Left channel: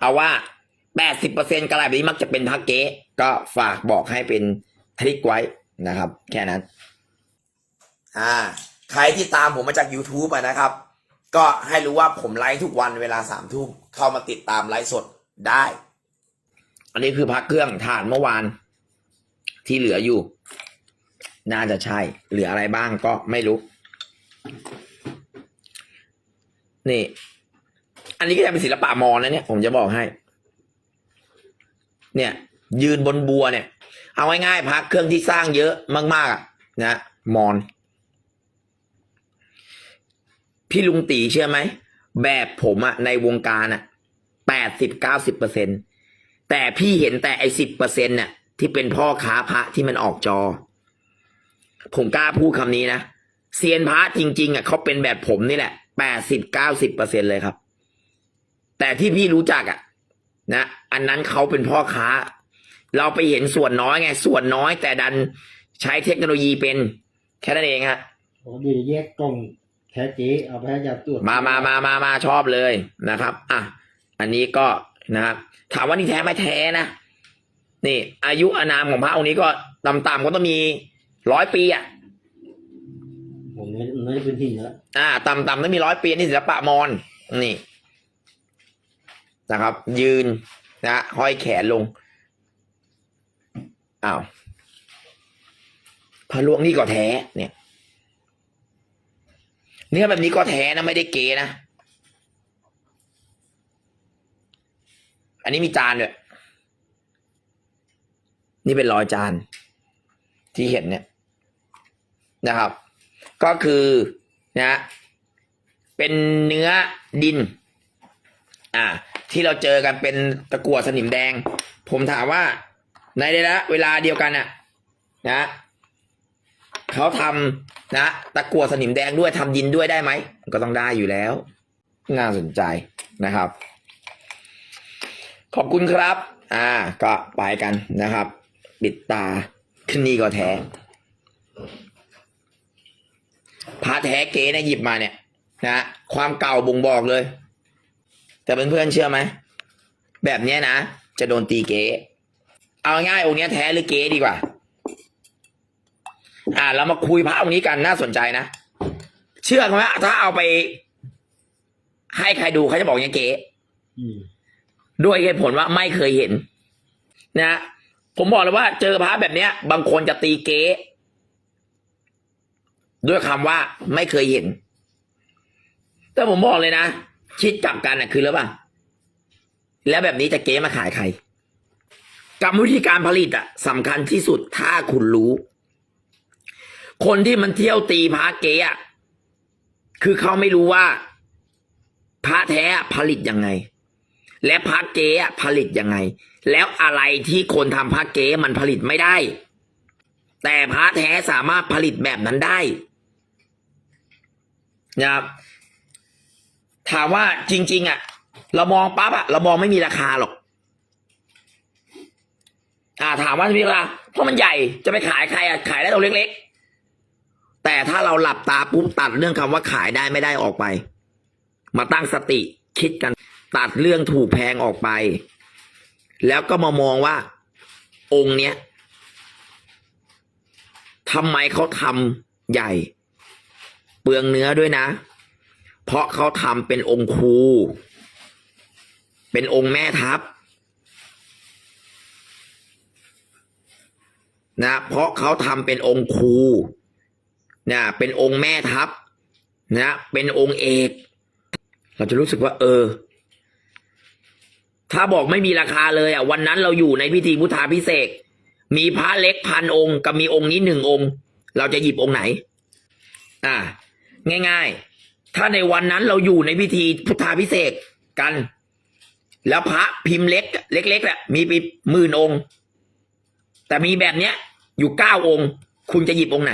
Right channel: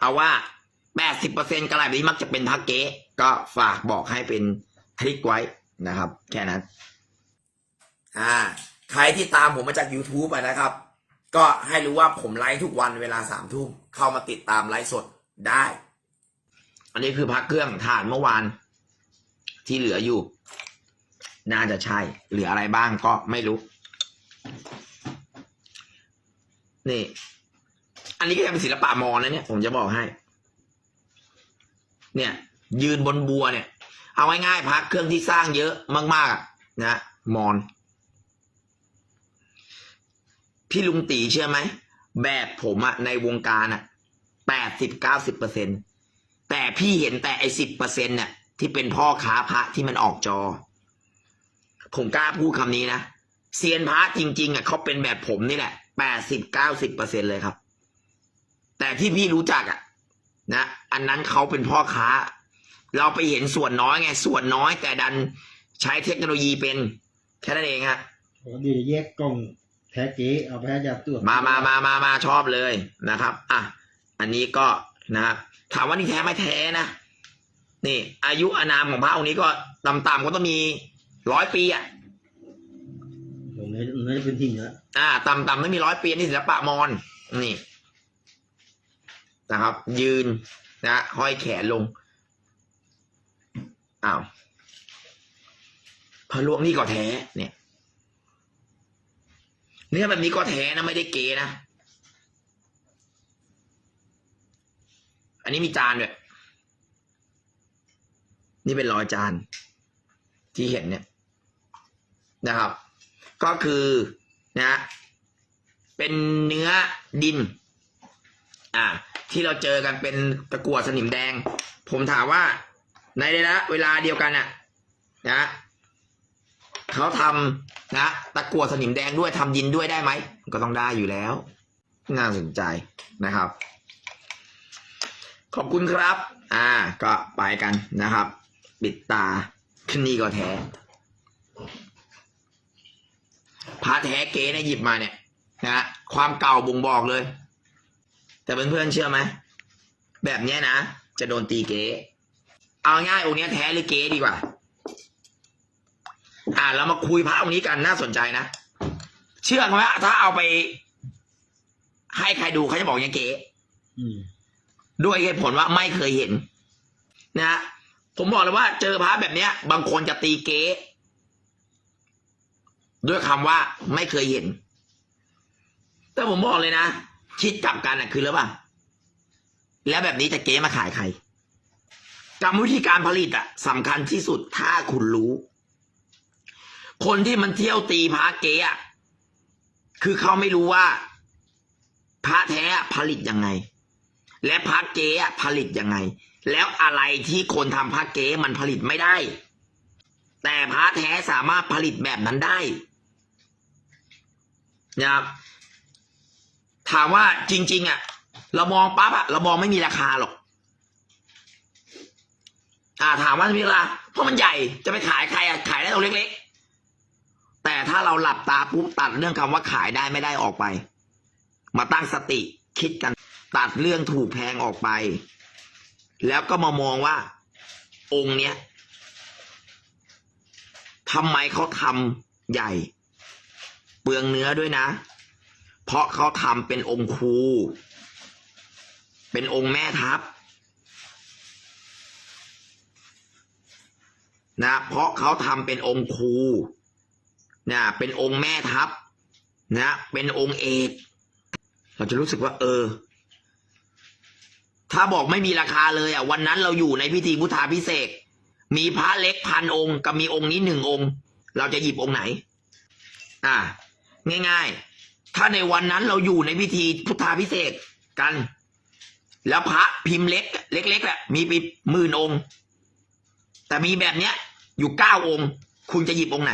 เอาว่าแปดสิบเปอร์เซ็นต์กระไรแบบนี้มักจะเป็นพระเก๊ก็ฝากบอกให้เป็นทริกไว้นะครับ แค่นั้น อ่า ใครที่ตามผมมาจาก YouTube ะนะครับ ก็ให้รู้ว่าผมไลฟ์ทุกวันเวลาสามทุ่มเข้ามาติดตามไลฟ์สดได้ อันนี้คือพักเครื่องถ่านเมื่อวาน ที่เหลืออยู่ น่าจะใช่ เหลืออะไรบ้างก็ไม่รู้ นี่ อันนี้ก็จะเป็นศิลปะมอญนะเนี่ยผมจะบอกให้ เนี่ย ยืนบนบัวเนี่ย เอาง่ายๆพักเครื่องที่สร้างเยอะมากๆนะมอญพี่ลุงตีเชื่อไหม แบบผมอะในวงการอะแปดสิบเก้าสิบเปอร์เซ็นแต่พี่เห็นแต่ไอสิบเปอร์เซ็นต์น่ะที่เป็นพ่อค้าพระที่มันออกจอ ผมกล้าพูดคำนี้นะเซียนพระจริง ๆอะเขาเป็นแบบผมนี่แหละแปดสิบเก้าสิบเปอร์เซ็นเลยครับ แต่ที่พี่รู้จักอะนะ อันนั้นเขาเป็นพ่อค้า เราไปเห็นส่วนน้อยไง ส่วนน้อยแต่ดันใช้เทคโนโลยีเป็น แค่นั้นเองฮะปกติจะแยกกล่องแท้เจ๊เอาไปให้ยาตรวจมามามามามาชอบเลยนะครับ อะ อันนี้ก็นะครับถามว่านี่แท้ไหมแท้นะนี่ อายุอานามของพระองค์นี้ก็ต่ำๆก็ต้องมีร้อยปีอะผมเนี่ยน่าจะเป็นหินแล้วอ่าต่ำๆต้องมีร้อยปีนี่ศิลปะมอญนี่ นะครับ ยืนนะห้อยแขนลงอ้าวพระหลวงนี่ก็แท้เนี่ยเนี่ยแบบนี้ก็แท้นะไม่ได้เกนะ อันนี้มีจานด้วย นี่เป็นรอยจาน ที่เห็นเนี่ยนะครับ ก็คือนะ เป็นเนื้อดิน อ่า ที่เราเจอกันเป็นตะกั่วสนิมแดง ผมถามว่า ในระยะเวลาเดียวกันน่ะนะเขาทำนะตะกั่วสนิมแดงด้วยทำดินด้วยได้ไหมก็ต้องได้อยู่แล้ว น่าสนใจนะครับ ขอบคุณครับ อ่า ก็ไปกันนะครับ ปิดตาขึ้นนี่ก็แท้พระแท้เก๋เนี่ยหยิบมาเนี่ยนะความเก่าบ่งบอกเลย แต่เพื่อนๆเชื่อไหมแบบเนี้ยนะ จะโดนตีเก๋เอาง่ายๆองค์เนี้ยแท้หรือเก๋ดีกว่า อ่าเรามาคุยพระองค์นี้กันน่าสนใจนะ เชื่อไหมถ้าเอาไป ให้ใครดูเขาจะบอกอย่างเก๋อืมด้วยเหตุผลว่าไม่เคยเห็น นะผมบอกเลยว่าเจอพระแบบเนี้ย บางคนจะตีเก๊ด้วยคำว่าไม่เคยเห็น แต่ผมบอกเลยนะ ที่กลับกันน่ะคือแล้วป่ะแล้วแบบนี้จะเก๊มาขายใครกรรมวิธีการผลิตอะสำคัญที่สุดถ้าคุณรู้ คนที่มันเที่ยวตีพระเก๊อะคือเขาไม่รู้ว่าพระแท้ผลิตยังไง และพระเก๊อผลิตยังไง แล้วอะไรที่คนทำพระเก๊มันผลิตไม่ได้ แต่พระแท้สามารถผลิตแบบนั้นได้นะครับ ถามว่าจริง ๆ อะ เรามองปั๊บอะ เรามองไม่มีราคาหรอก อ่า ถามว่ามีราคาเพราะมันใหญ่จะไปขายใครอะขายได้ตัวเล็ก ๆ แต่ถ้าเราหลับตาปุ๊บตัดเรื่องคำว่าขายได้ไม่ได้ออกไป มาตั้งสติคิดกัน ตัดเรื่องถูกแพงออกไป แล้วก็มามองว่า องค์เนี้ยทำไมเขาทำใหญ่ เปลืองเนื้อด้วยนะ เพราะเขาทำเป็นองค์ครูเป็นองค์แม่ทัพนะเพราะเขาทำเป็นองค์ครูนะเป็นองค์แม่ทัพนะเป็นองค์เอกเราจะรู้สึกว่า เออ ถ้าบอกไม่มีราคาเลยอะ วันนั้นเราอยู่ในพิธีพุทธาพิเศษมีพระเล็กพันองค์กับมีองค์นี้หนึ่งองค์ เราจะหยิบองค์ไหน อ่า ง่าย ๆ ถ้าในวันนั้นเราอยู่ในพิธีพุทธาพิเศษกกัน แล้วพระพิมพ์เล็ก เล็กๆแหละมีไปหมื่นองค์ แต่มีแบบเนี้ย อยู่เก้าองค์ คุณจะหยิบองค์ไหน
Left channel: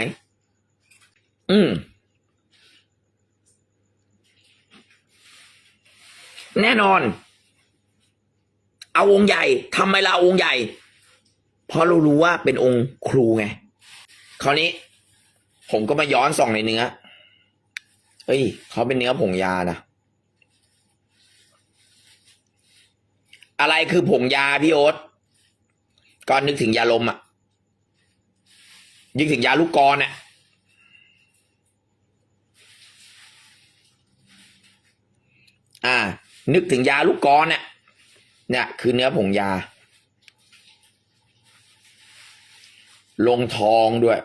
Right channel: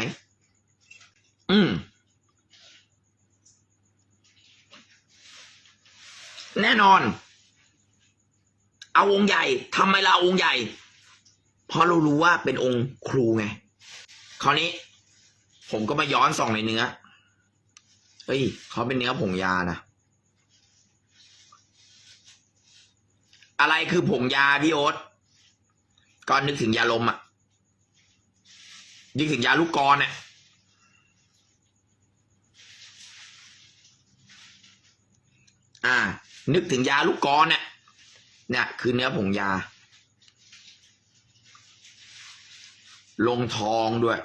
อืมแน่นอน เอาองค์ใหญ่ทำไมเราองค์ใหญ่ เพราะเรารู้ว่าเป็นองค์ครูไง คราวนี้ ผมก็มาย้อนส่องในเนื้อ เอ้ยเขาเป็นเนื้อผงยานะ อะไรคือผงยาพี่โอ๊ตก่อนนึกถึงยาลมอะนึกถึงยาลูกกรอะอ่า นึกถึงยาลูกกรเนี่ยเนี่ยคือเนื้อผงยา ลงทองด้วย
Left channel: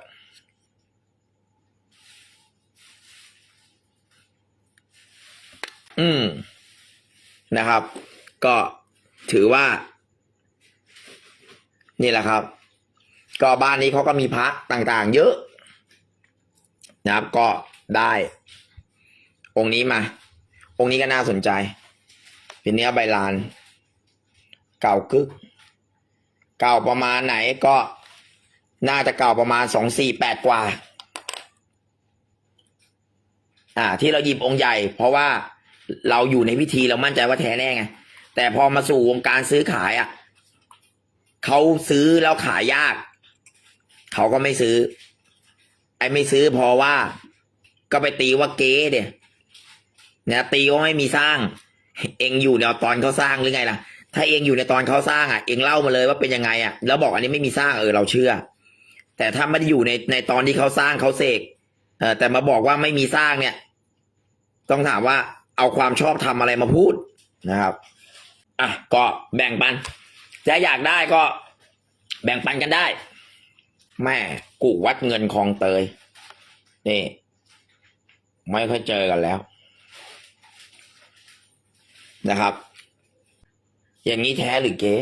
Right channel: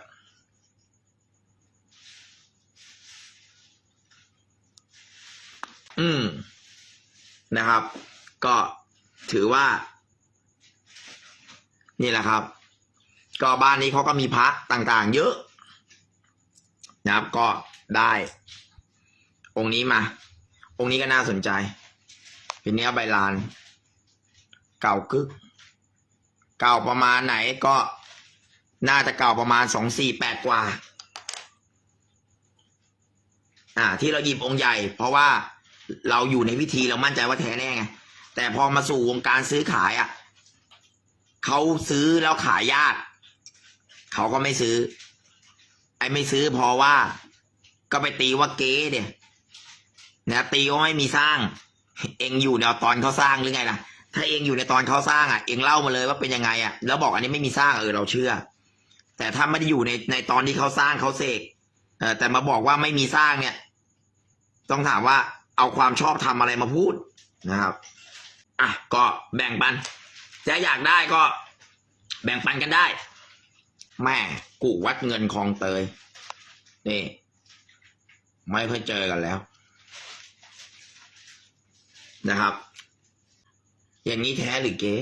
อืมนะครับ ก็ถือว่า นี่แหละครับ ก็บ้านนี้เขาก็มีพระต่างๆ เยอะ นะครับ ก็ได้ องค์นี้มา องค์นี้ก็น่าสนใจ เป็นเนื้อใบลาน เก่ากึก เก่าประมาณไหนก็น่าจะเก่าประมาณสองสี่แปดกว่า อ่า ที่เราหยิบองค์ใหญ่ เพราะว่า เราอยู่ในพิธีเรามั่นใจว่าแท้แน่ไงแต่พอมาสู่วงการซื้อขายอะเขาซื้อแล้วขายยาก เขาก็ไม่ซื้อ ไอ้ไม่ซื้อเพราะว่า ก็ไปตีว่าเก๊เดียนะตีว่าไม่มีสร้าง เองอยู่ในตอนเขาสร้างหรือไงล่ะ ถ้าเองอยู่ในตอนเขาสร้างอะ เองเล่ามาเลยว่าเป็นยังไงอะ แล้วบอกอันนี้ไม่มีสร้างเออเราเชื่อ แต่ถ้าไม่ได้อยู่ในในตอนที่เขาสร้างเขาเสกเออแต่มาบอกว่าไม่มีสร้างเนี่ย ต้องถามว่า เอาความชอบทำอะไรมาพูดนะครับอะก็แบ่งปันถ้าอยากได้ก็แบ่งปันกันได้ แม่กูวัดเงินคลองเตยนี่ ไม่ค่อยเจอกันแล้ว นะครับ อย่างนี้แท้หรือเก๊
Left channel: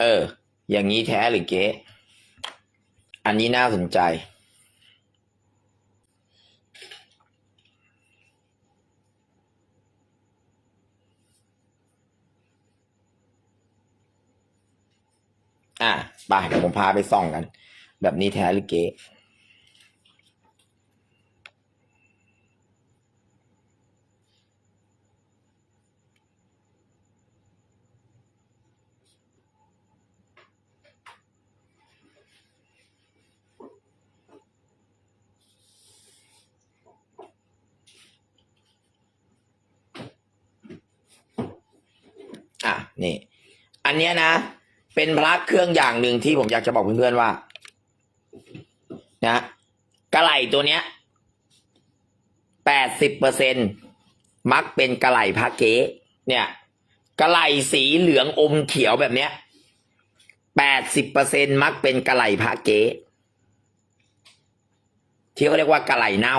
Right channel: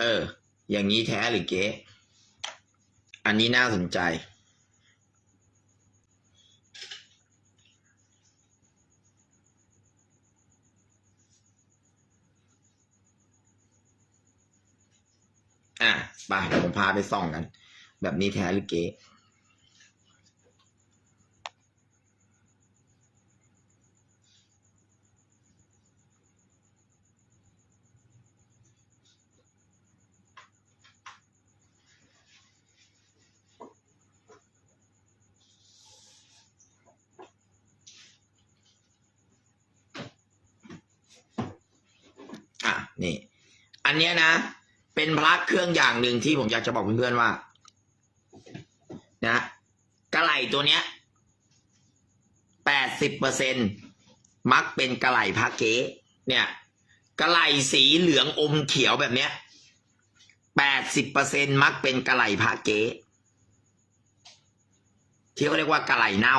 เออ อย่างนี้แท้หรือเก๊ อันนี้น่าสนใจ อะไปผมพาไปส่องกัน แบบนี้แท้หรือเก๊อะ นี่ อันเนี้ยนะ เป็นพระเครื่องอย่างหนึ่งที่ผมอยากจะบอกเพื่อนๆว่า นะกระไหลตัวเนี้ยแปดสิบเปอร์เซ็นมักเป็นกระไหลพระเก๊เนี่ยกระไหลสีเหลืองอมเขียวแบบเนี้ยแปดสิบเปอร์เซ็นมักเป็นกระไหลพระเก๊ที่เขาเรียกว่ากระไหลเน่า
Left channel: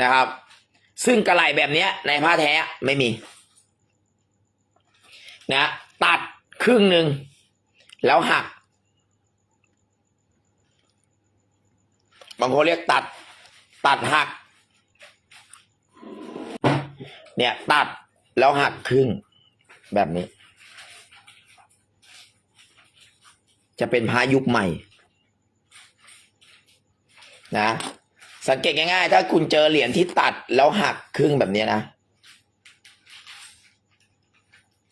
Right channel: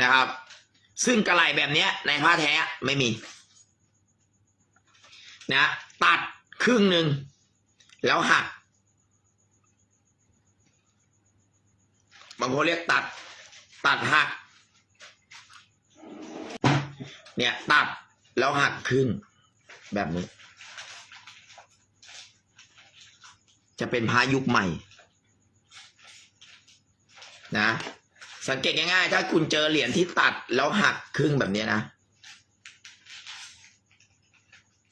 นะครับ ซึ่งกระไหลแบบเนี้ยในผ้าแท้ไม่มี นะตัดครึ่งหนึ่งแล้วหัก บางคนเรียกตัด ตัดหัก เนี่ยตัดแล้วหักครึ่งแบบนี้ จะเป็นพายุคใหม่ นะ สังเกตง่ายๆ ถ้าคุณเจอเหรียญที่ตัดแล้วหักครึ่งแบบนี้นะ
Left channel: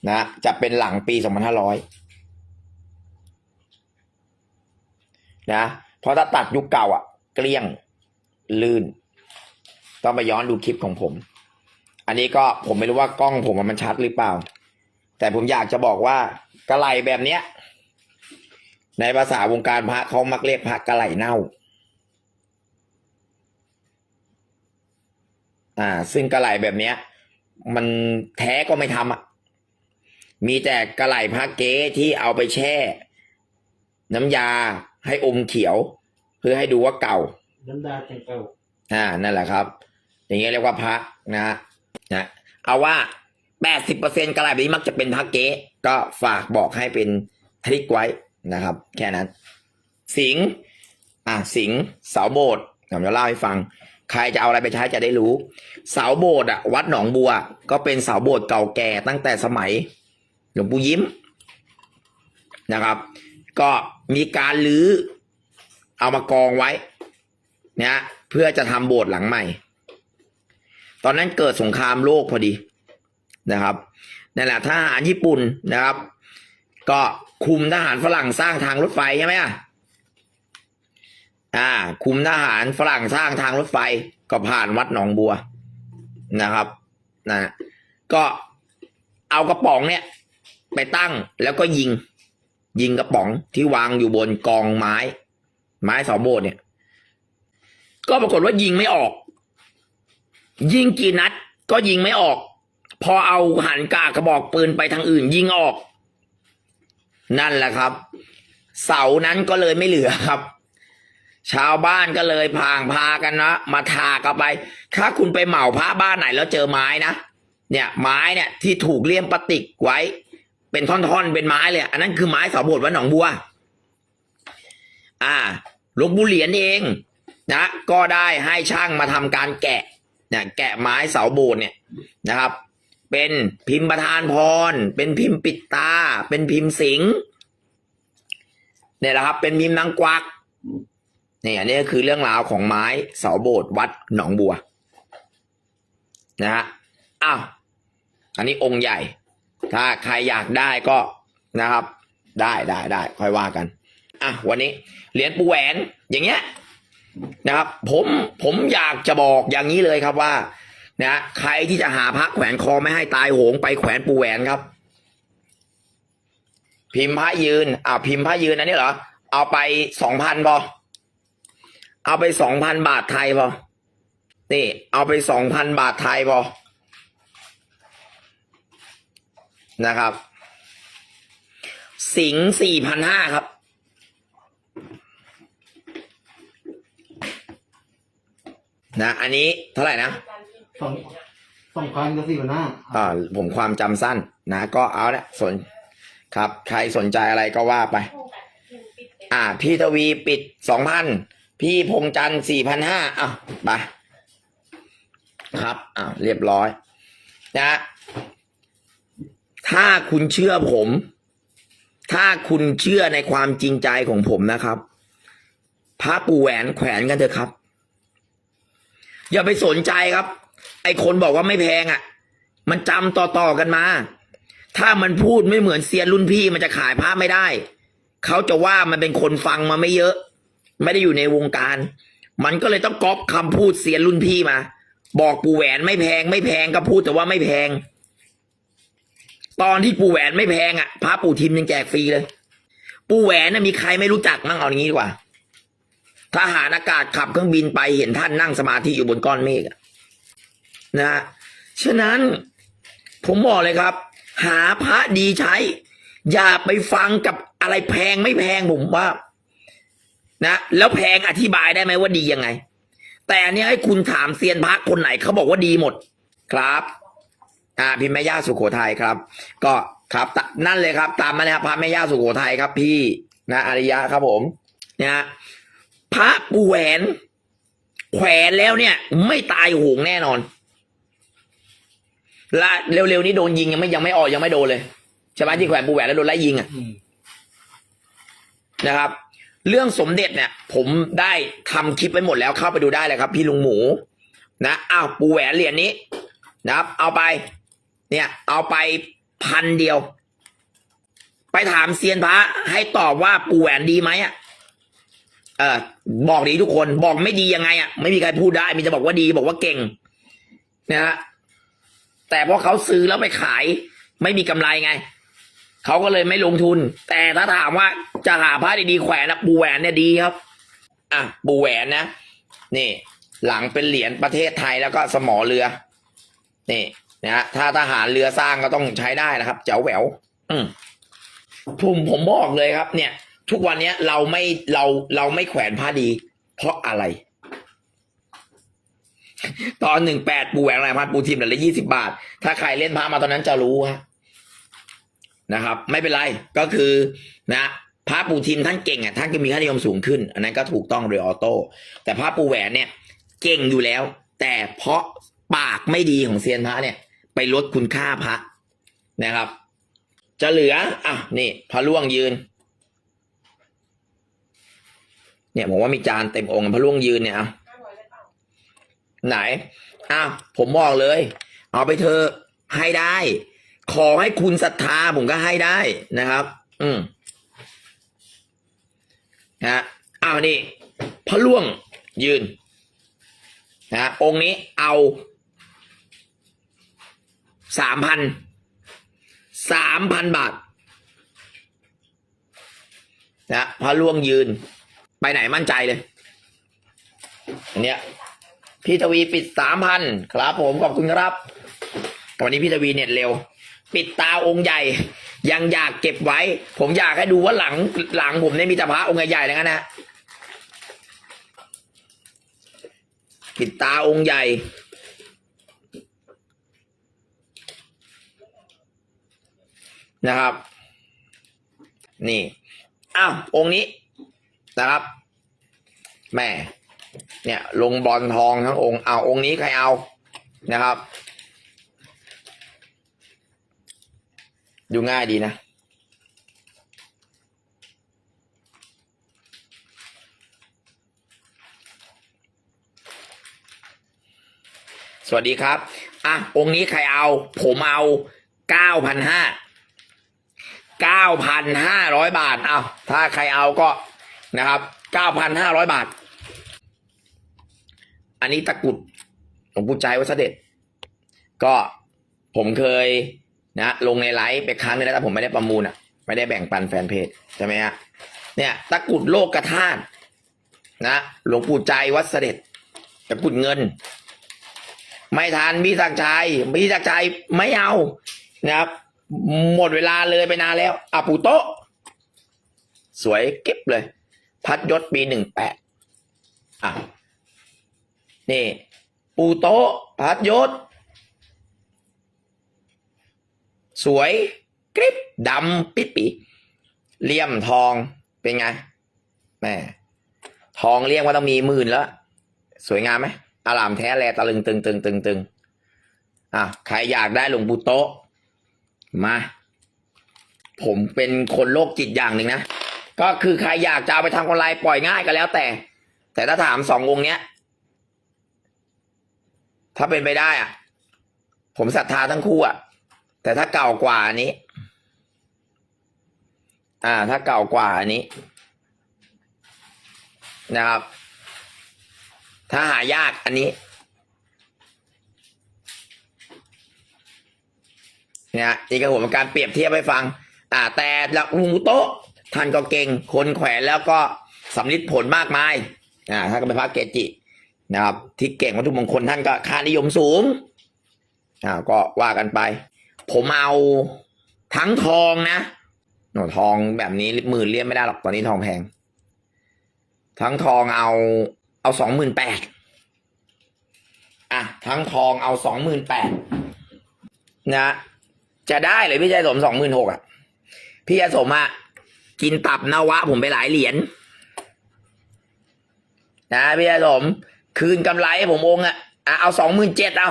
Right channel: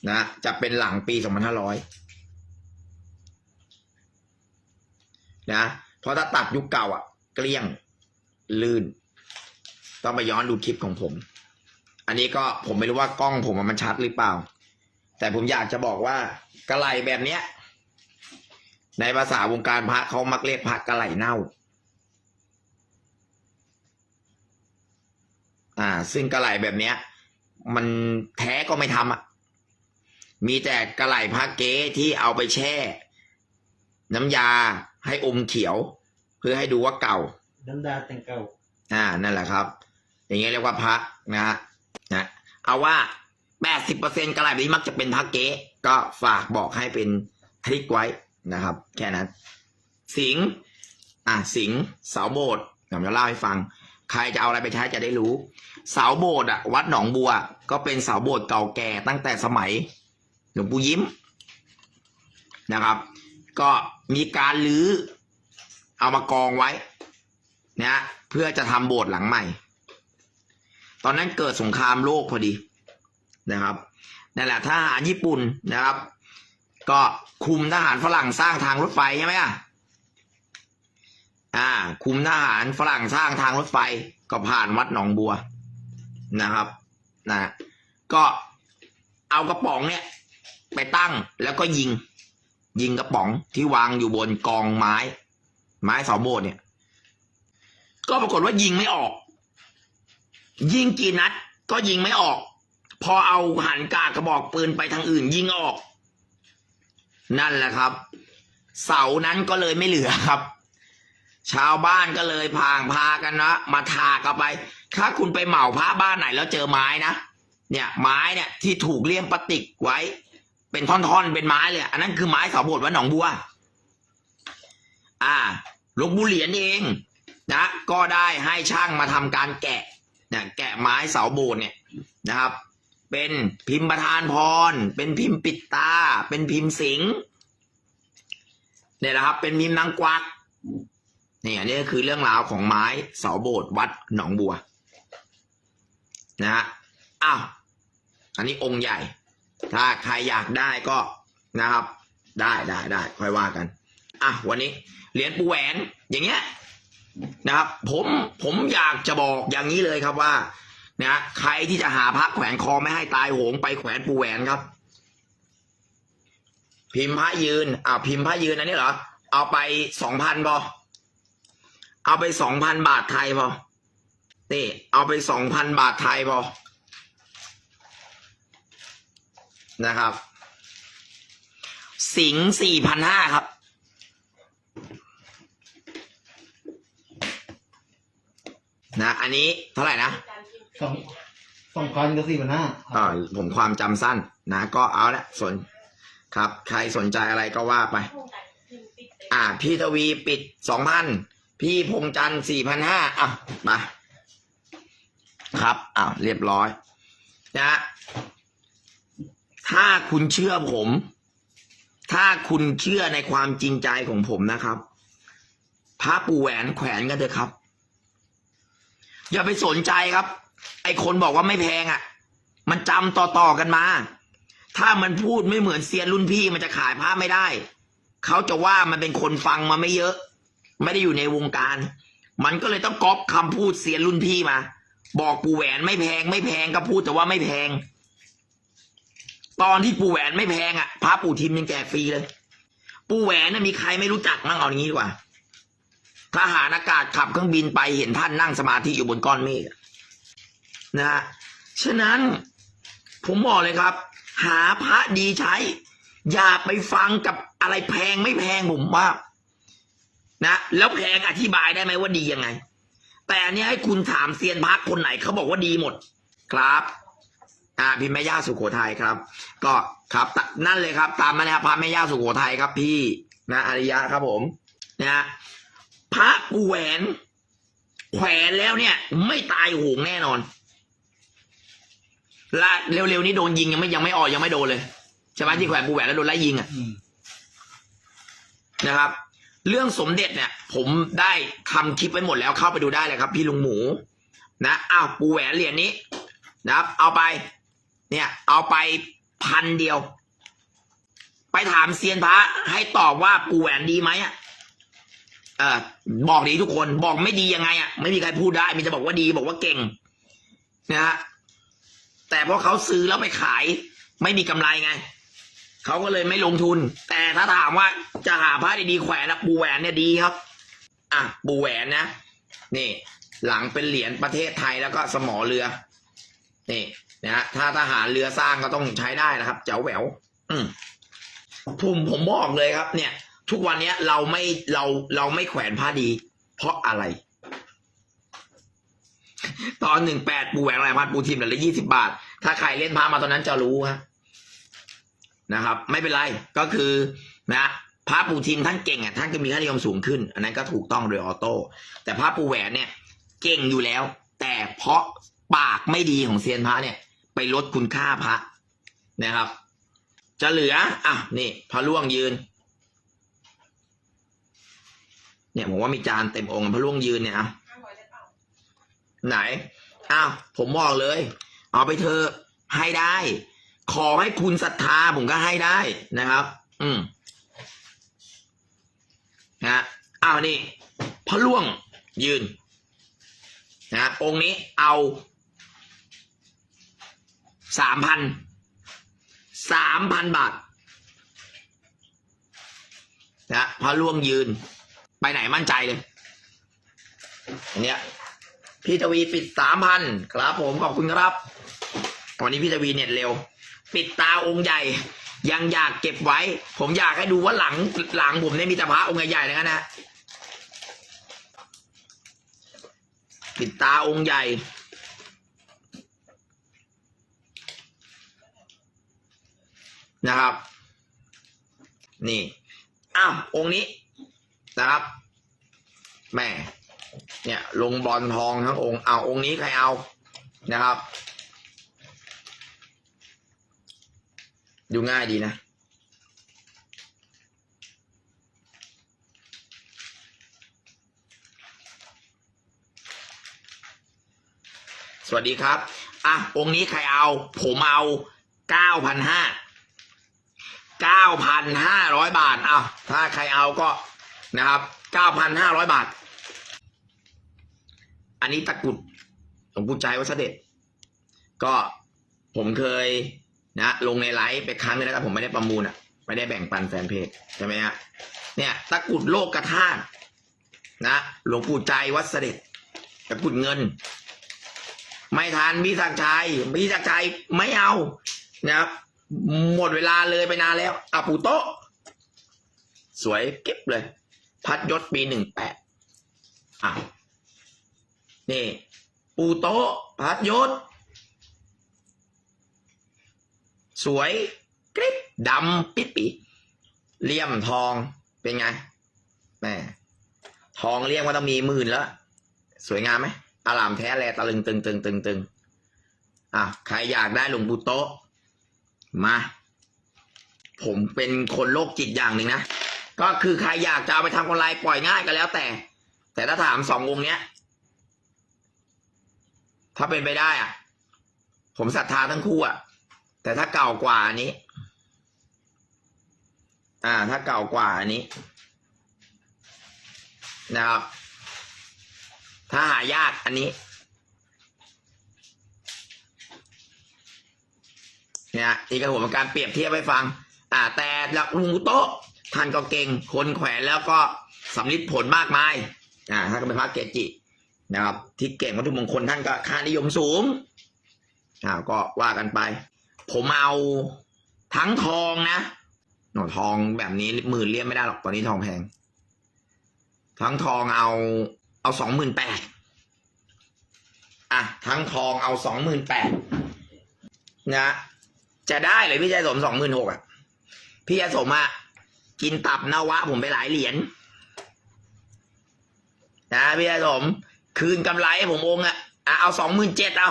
นะจะเป็นหลังปี 2500 นะเพราะถ้าตัดยุคเก่าอะเกลี้ยงลื่น ต้องไปย้อนดูคลิปของผม อันนี้ก็ผมไม่รู้ว่ากล้องผมมันชัดหรือเปล่า แต่ผมอยากจะบอกว่ากระไหลแบบเนี้ย ในภาษาวงการพระเขามักเรียกพระกระไหลเน่าอ่า ซึ่งกระไหลแบบเนี้ย มันแท้ก็ไม่ทำอะ มีแต่กระไหลพระเก๊ที่เอาไปแช่ น้ำยาให้อมเขียว เพื่อให้ดูว่าเก่า น้ำดาแต่งเก่า อ่านั่นแหละครับ อย่างเงี้ยเรียกว่าพระนะฮะนะเอาว่าแปดสิบเปอร์เซ็นกระไรแบบนี้มักจะเป็นพระเก๊ก็ฝากบอกให้เป็นทริกไว้นะครับ แค่นั้น สิงห์อ่าสิงห์เสาโบสถ์ผมจะเล่าให้ฟัง ใครจะเอาอะไรไปใช้จะได้รู้ เสาโบสถ์อะวัดหนองบัว ก็เป็นเสาโบสถ์เก่าแก่ตั้งแต่สมัย หลวงปู่ยิ้มนะครับ ก็มีการลื้อเอามากองไว้นะเพื่อจะทำโบสถ์หลังใหม่ ตอนนั้นเกิดสงครามโลกพอดีนะครับนั่นแหละทหารญี่ปุ่นนะครับ ก็คุมทหารฝรั่งสร้างทางรถไฟใช่ไหมอะอ่า คุมทหารฝรั่งสร้างทางรถไฟก็ผ่านวัดหนองบัวนะครับนะก็เอากระป๋องเนี่ย ไปตั้งแล้วก็ยิง ยิงกระป๋องที่วางอยู่บนกองไม้ ไม้เสาโบสถ์เนี่ย ก็ปรากฏว่ายิงไม่ออก ยิงกี่นัด ก็ยิงไม่ออก พอเอาหันกากระบอกปืนไปทางอื่น ยิงออก นั่นแหละครับ เสานั้นก็เลยไม่เหลือครับ ชาวบ้านก็เลยพางพากันนะมาทากันไป ถ้าคุณไปเหมาพระบ้านไหนแล้วเจอไม้นะเนี่ยไม้เนี่ยที่ถูกเลี่ยมพลาสติกไว้ เป็นท่อนๆ เป็นไม้เลยอันนั้นคือไม้เสาโบสถ์วัดหนองบัว อ่าหลวงปู่เหรียญเองนะก็ได้ให้ช่างมาทำการแกะเนี่ยแกะไม้เสาโบสถ์เนี่ยนะครับ เป็นพิมพ์ประธานพร เป็นพิมพ์ปิดตา เป็นพิมพ์สิงเนี่ยแหละครับ เป็นพิมพ์นางกวักเนี่อันนี้คือเรื่องราวของไม้เสาโบสถ์วัดหนองบัวนะฮะอ้าวอันนี้องค์ใหญ่ ถ้าใครอยากได้ก็นะครับ ได้ได้ได้ค่อยว่ากัน อะวันนี้เหรียญปูแหวนอย่างเงี้ยนะครับ ผมผมอยากจะบอกอย่างนี้เลยครับว่านะใครที่จะหาพระแขวนคอไม่ให้ตายโหงไปแขวนปูแหวนครับ พิมพ์พระยืน อ่าพิมพ์พระยืนอันนี้เหรอเอาไปสองพันพอเอาไปสองพันบาทไทยพอนี่ เอาไปสองพันบาทไทยพอ นะครับ สิงสี่พันห้าครับ นะ อันนี้เท่าไหร่นะสองสองพันกับสี่พันห้าอ่าผมความจำสั้นนะ ก็เอาละสนครับ ใครสนใจอะไรก็ว่าไป อ่า พี่ทวีปิดสองพันพี่พงจันสี่พันห้าอะไปครับ อ่าเรียบร้อย นะฮะ ถ้าคุณเชื่อผม ถ้าคุณเชื่อในความจริงใจของผมนะครับพระปูแหวนแขวนกันเถอะครับ อย่าไปสนใจครับ ไอคนบอกว่าไม่แพงอะ มันจำต่อๆกันมา ถ้ามันพูดไม่เหมือนเซียนรุ่นพี่มันจะขายภาไม่ได้ เขาจะว่ามันเป็นคนฟังมาไม่เยอะ ไม่ได้อยู่ในวงการ มันก็เลยต้องก๊อปคำพูดเซียนรุ่นพี่มา บอกปู่แหวนไม่แพงไม่แพงก็พูดแต่ว่าไม่แพง ตอนที่ปู่แหวนไม่แพงอะพระปู่ทิมยังแจกฟรีเลย ปู่แหวนน่ะมีใครไม่รู้จักมั่งเอาอย่างนี้ดีกว่าทหารอากาศขับเครื่องบินไปเห็นท่านนั่งสมาธิอยู่บนก้อนเมฆนะฉะนั้นผมบอกเลยครับ หาพระดีใช้ อย่าไปฟังกับอะไรแพงไม่แพงผมว่านะแล้วแพงอธิบายได้ไหมว่าดียังไง แต่อันเนี้ยให้คุณถามเซียนพระคนไหนเขาบอกว่าดีหมด ครับ อ่าพิมพ์แม่ย่าสุโขทัยครับ ก็ครับตนั่นเลยครับ ตามมานะครับพระแม่ย่าสุโขทัยครับ พี่นะอริยะครับผมนะฮะพระปูแหวน แขวนแล้วเนี่ย ไม่ตายโหงแน่นอนละเร็วๆนี้โดนยิงยังไม่ยังไม่ออกยังไม่โดนเลยใช่ไหมที่แขวนปูแหวนแล้วโดนไล่ยิงอะอืมนะครับ เรื่องสมเด็จเนี่ย ผมได้ทำคลิปไปหมดแล้วเข้าไปดูได้เลยครับ พี่ลุงหมู นะอ้าวปูแหวนเหรียญนี้นะครับ เอาไป เนี่ย เอาไปพันเดียว ไปถามเซียนพระให้ตอบว่าปูแหวนดีไหมอะเออบอกดีทุกคนบอกไม่ดียังไงอะไม่มีใครพูดได้มีจะบอกว่าดีบอกว่าเก่งนะฮะแต่พอเขาซื้อแล้วไปขาย ไม่มีกำไรไงเขาก็เลยไม่ลงทุน แต่ถ้าถามว่าจะหาผ้าดีๆแขวนนะปูแหวนเนี่ยดีครับ อะปูแหวนนะนี่ หลังเป็นเหรียญประเทศไทยแล้วก็สมอเรือ นี่ นะถ้าทหารเรือสร้างก็ต้องใช้ได้นะครับเจ๋วแหววอืมผมผมบอกเลยครับ เนี่ย ทุกวันเนี้ยเราไม่เราเราไม่แขวนผ้าดี เพราะอะไร ตอนหนึ่งแปดปูแหวนลายพันปูทิมเหรียญละยี่สิบาท ถ้าใครเล่นพระมาตอนนั้นจะรู้ฮะนะครับ ไม่เป็นไรก็คือนะพระปูทิมท่านเก่งอะท่านก็มีค่านิยมสูงขึ้น อันนั้นก็ถูกต้องโดยออโต้แต่พระปูแหวนเนี่ย เก่งอยู่แล้ว แต่เพราะปากไม่ดีของเซียนพระเนี่ย ไปลดคุณค่าพระนะครับ จะเหลืออะนี่พระล่วงยืน เนี่ยผมว่ามีจานเต็มองค์พระล่วงยืนเนี่ยอะไหนอะผมบอกเลย เอาไปเธอให้ได้ ขอให้คุณศรัทธาผมก็ให้ได้นะครับ อืมนะอ้าวนี่พระล่วงยืนนะองค์นี้เอา สามพันสามพันบาทนะพระล่วงยืน ไปไหนมั่นใจเลย อันเนี้ยพี่ทวีปิดสามพันครับผมขอบคุณครับวันนี้พี่ทวีเน็ตเร็ว ปิดตาองค์ใหญ่ ยังอยากเก็บไว้ ผมอยากให้ดูว่าหลังหลังผมเนี่ยมีแต่พระองค์ใหญ่ๆทั้งนั้นนะปิดตาองค์ใหญ่ นะครับ นี่อ้าวองค์นี้นะครับแม่เนี่ยลงบอลทองทั้งองค์เอาองค์นี้ใครเอานะครับ ดูง่ายดีนะ สวัสดีครับ อะ องค์นี้ใครเอา ผมเอาเก้าพันห้า เก้าพันห้าร้อยบาทเอาถ้าใครเอาก็นะครับเก้าพันห้าร้อยบาท อันนี้ตะกุดหลวงปู่ใจวัดเสด็จ ก็ผมเคยนะลงในไลฟ์ไปครั้งนึงแล้วแต่ผมไม่ได้ประมูลอะ ไม่ได้แบ่งปันแฟนเพจใช่ไหมฮะเนี่ยตะกุดโลกกระทานนะหลวงปู่ใจวัดเสด็จตะกุดเงิน ไม่ทันพี่ศักดิ์ชัยพี่ศักดิ์ชัยไม่เอานะครับ หมดเวลาเลยไปนานแล้วอาปูโตะสวยเก็บเลย พัดยศปีหนึ่งแปดอะนี่ ปูโตะพัดยศ สวยกริบดำปิดปีเลี่ยมทองเป็นไงแม่ทองเรียกว่าต้องมีหมื่นแล้ว สวยงามไหมอารามแท้แลตะลึงตึงตึงตึงตึงอะใครอยากได้หลวงปู่โตะ มา ผมเป็นคนโรคจิตอย่างหนึ่งนะ ก็คือใครอยากจะเอาไปทำกำไรปล่อยง่ายก็แล้วแต่ แต่ถ้าถามสององค์เนี้ย ถ้าเป็นไปได้อะ ผมศรัทธาทั้งคู่อะ แต่ถ้าเก่ากว่าอันนี้ อ่า ถ้าเก่ากว่าอันนี้ นะครับ ถ้าหายากอันนี้ นี่ยนี่ก็ผมการเปรียบเทียบให้ฟัง อ่า แต่หลักลุงมุโตะท่านก็เก่งคนแขวนแล้วก็สำลิดผลมากมายอ่าท่านก็เป็นพระเกจินะครับ ที่เก่งวัตถุมงคลท่านก็ค่านิยมสูงอ่าก็ว่ากันไป ผมเอาทั้งทองนะหนูทองแบบนี้หมื่นเลี่ยมไม่ได้หรอกตอนนี้ทองแพง ทั้งทองเอาเอาสองหมื่นแปดอะทั้งทองเอาสองหมื่นแปดนะ จะได้เลยพี่ชายสมสองหมื่นหกอะ พี่ชายสมอะกินตับนวะ ผมไปหลายเหรียญนะพี่ชายสม คืนกำไรให้ผมองอะเอาสองหมื่นเจ็ดเอา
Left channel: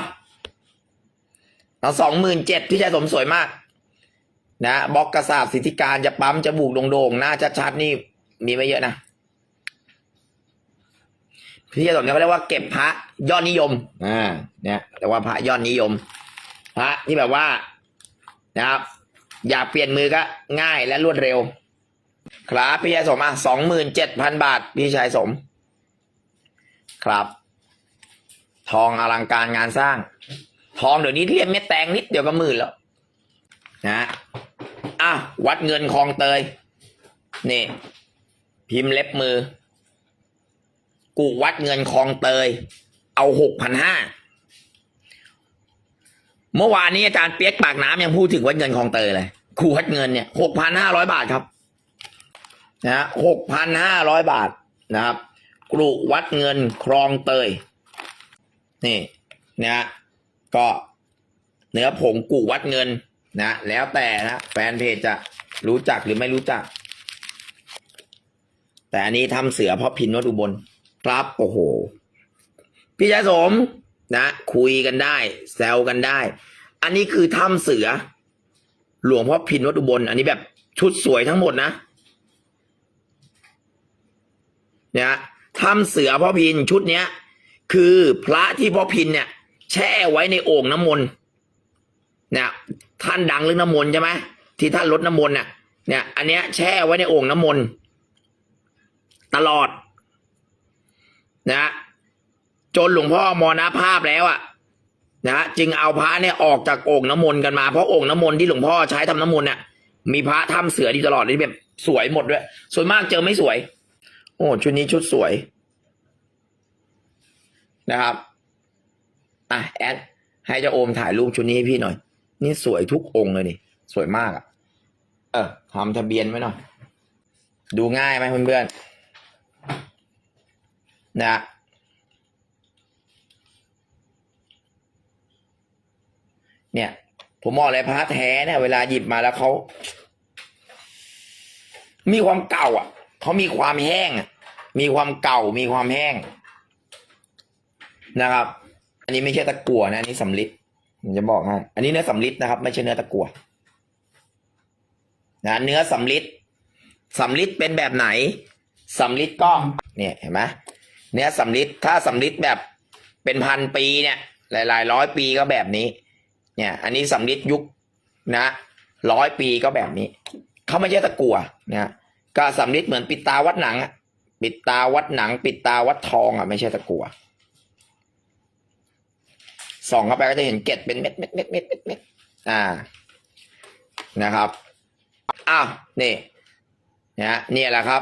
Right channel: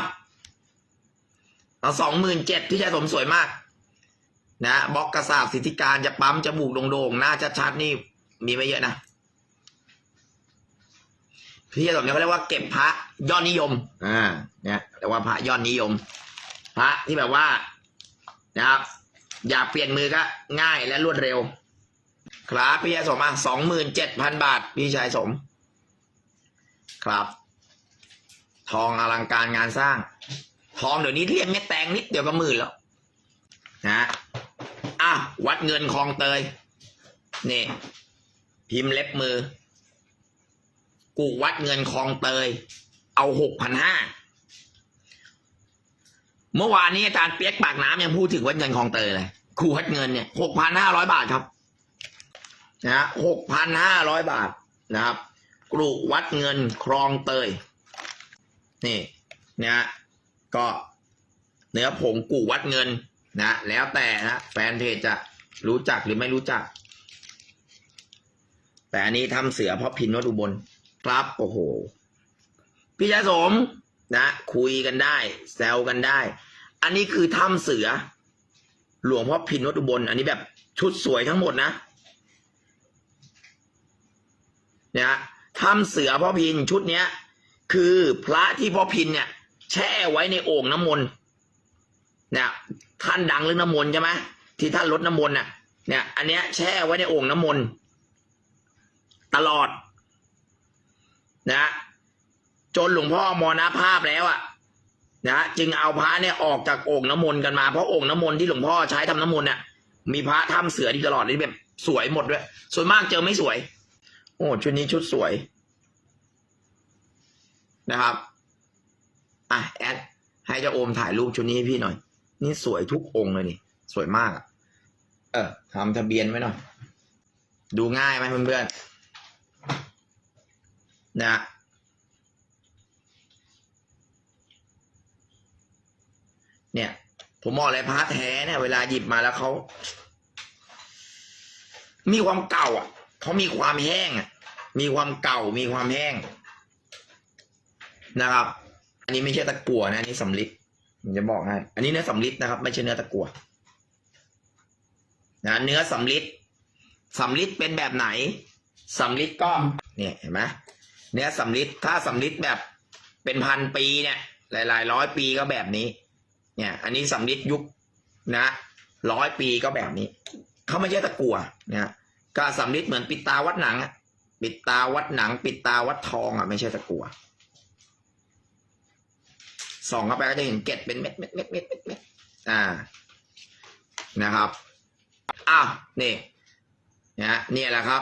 เอาสองหมื่นเจ็ดพี่ชายสมสวยมาก นะบล็อกกระสาบสิทธิการจะปั๊มจะบูกโด่งๆหน้าชัดๆนี่มีไม่เยอะนะพี่ชายสมเนี่ยเขาเรียกว่าเก็บพระยอดนิยมอ่าเนี่ยแต่ว่าพระยอดนิยม พระที่แบบว่า นะครับ อยากเปลี่ยนมือก็ง่ายและรวดเร็ว ครับพี่ชายสมอะสองหมื่นเจ็ดพันบาท พี่ชายสม ครับ ทองอลังการงานสร้าง ทองเดี๋ยวนี้เรียกเม็ดแตงนิดเดียวก็หมื่นแล้วนะอ้าววัดเงินคลองเตย นี่ พิมพ์เล็บมือ กูวัดเงินคลองเตย เอาหกพันห้า เมื่อวานนี้อาจารย์เปียกปากน้ำยังพูดถึงวัดเงินคลองเตยเลยครูวัดเงินเนี่ยหกพันห้าร้อยบาทครับนะหกพันห้าร้อยบาทนะครับกรุวัดเงินคลองเตย นี่นะฮะก็เนื้อผงกูวัดเงินนะแล้วแต่นะแฟนเพจจะรู้จักหรือไม่รู้จัก แต่อันนี้ทำเสือเพราะพินวัดอุบลครับโอ้โห พี่ยาสม นะ คุยกันได้ แซวกันได้ อันนี้คือถ้ำเสือ หลวงพ่อพินวัดอุบล อันนี้แบบชุดสวยทั้งหมดนะเนี่ยถ้ำเสือพ่อพินชุดเนี้ย คือพระที่พ่อพินเนี่ย แช่ไว้ในโอ่งน้ำมนต์เนี่ยท่านดังเรื่องน้ำมนต์ใช่ไหมที่ท่านลดน้ำมนต์น่ะ เนี่ย อันเนี้ยแช่ไว้ในโอ่งน้ำมนต์ตลอด นะ จนหลวงพ่อมรณภาพแล้วอะนะจึงเอาพระเนี่ยออกจากโอ่งน้ำมนต์กันมาเพราะโอ่งน้ำมนต์ที่หลวงพ่อใช้ทำน้ำมนต์น่ะ มีพระถ้ำเสือที่ตลอดที่แบบสวยหมดด้วย ส่วนมากเจอไม่สวย โอ้ชุดนี้ชุดสวยนะครับอะแอดให้เจ้าโอมถ่ายรูปชุดนี้ให้พี่หน่อย นี่สวยทุกองค์เลยนี่สวยมากอะ เออทำทะเบียนไว้หน่อย ดูง่ายไหมเพื่อนๆนะ เนี่ย ผมบอกเลยพระแท้เนี่ยเวลาหยิบมาแล้วเขามีความเก่า อะเขามีความแห้ง มีความเก่ามีความแห้งนะครับ อันนี้ไม่ใช่ตะกั่วนะอันนี้สำลิดผมจะบอกให้อันนี้เนื้อสำลิดนะครับ ไม่ใช่เนื้อตะกั่วนะเนื้อสำลิดสำลิดเป็นแบบไหนสำลิดก็เนี่ยเห็นไหมเนื้อสำลิดถ้าสำลิดแบบเป็นพันปีเนี่ย หลาย ๆ ร้อยปีก็แบบนี้ เนี่ย อันนี้สำลิดยุคนะร้อยปีก็แบบนี้เขาไม่ใช่ตะกั่วนะก็สำลิดเหมือนปิดตาวัดหนังปิดตาวัดหนัง ปิดตาวัดทองอะไม่ใช่ตะกั่วส่องเข้าไปก็จะเห็นเกล็ดเป็นเม็ดเม็ดเม็ดเม็ดเม็ดเม็ดอ่านะครับอ้าวนี่นะเนี่ยแหละครับ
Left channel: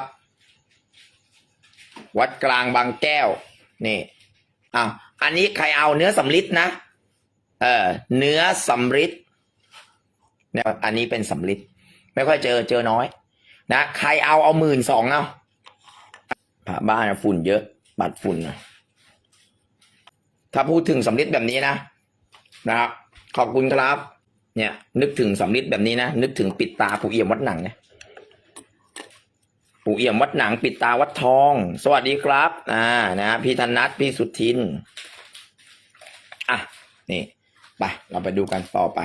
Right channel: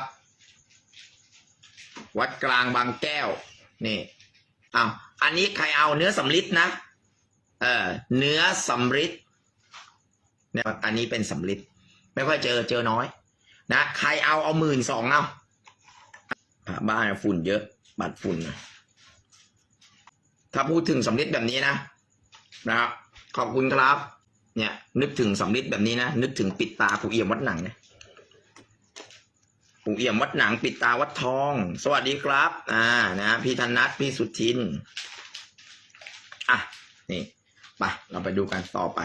วัดกลางบางแก้วนี่อะอันนี้ใครเอาเนื้อสำลิดนะ เออเนื้อสำลิดเนี่ยอันนี้เป็นสำลิดไม่ค่อยเจอเจอน้อย นะใครเอาเอาหมื่นสองเอาบ้านฝุ่นเยอะบัดฝุ่นถ้าพูดถึงสำลิดแบบนี้นะนะครับขอบคุณครับ เนี่ย นึกถึงสำลิดแบบนี้นะนึกถึงปิดตาปู่เอี่ยมวัดหนังเนี่ยปู่เอี่ยมวัดหนังปิดตาวัดทอง สวัสดีครับ อ่า นะ พี่ธนัทพี่สุทิน อะ นี่ ไปเราไปดูกันต่อไป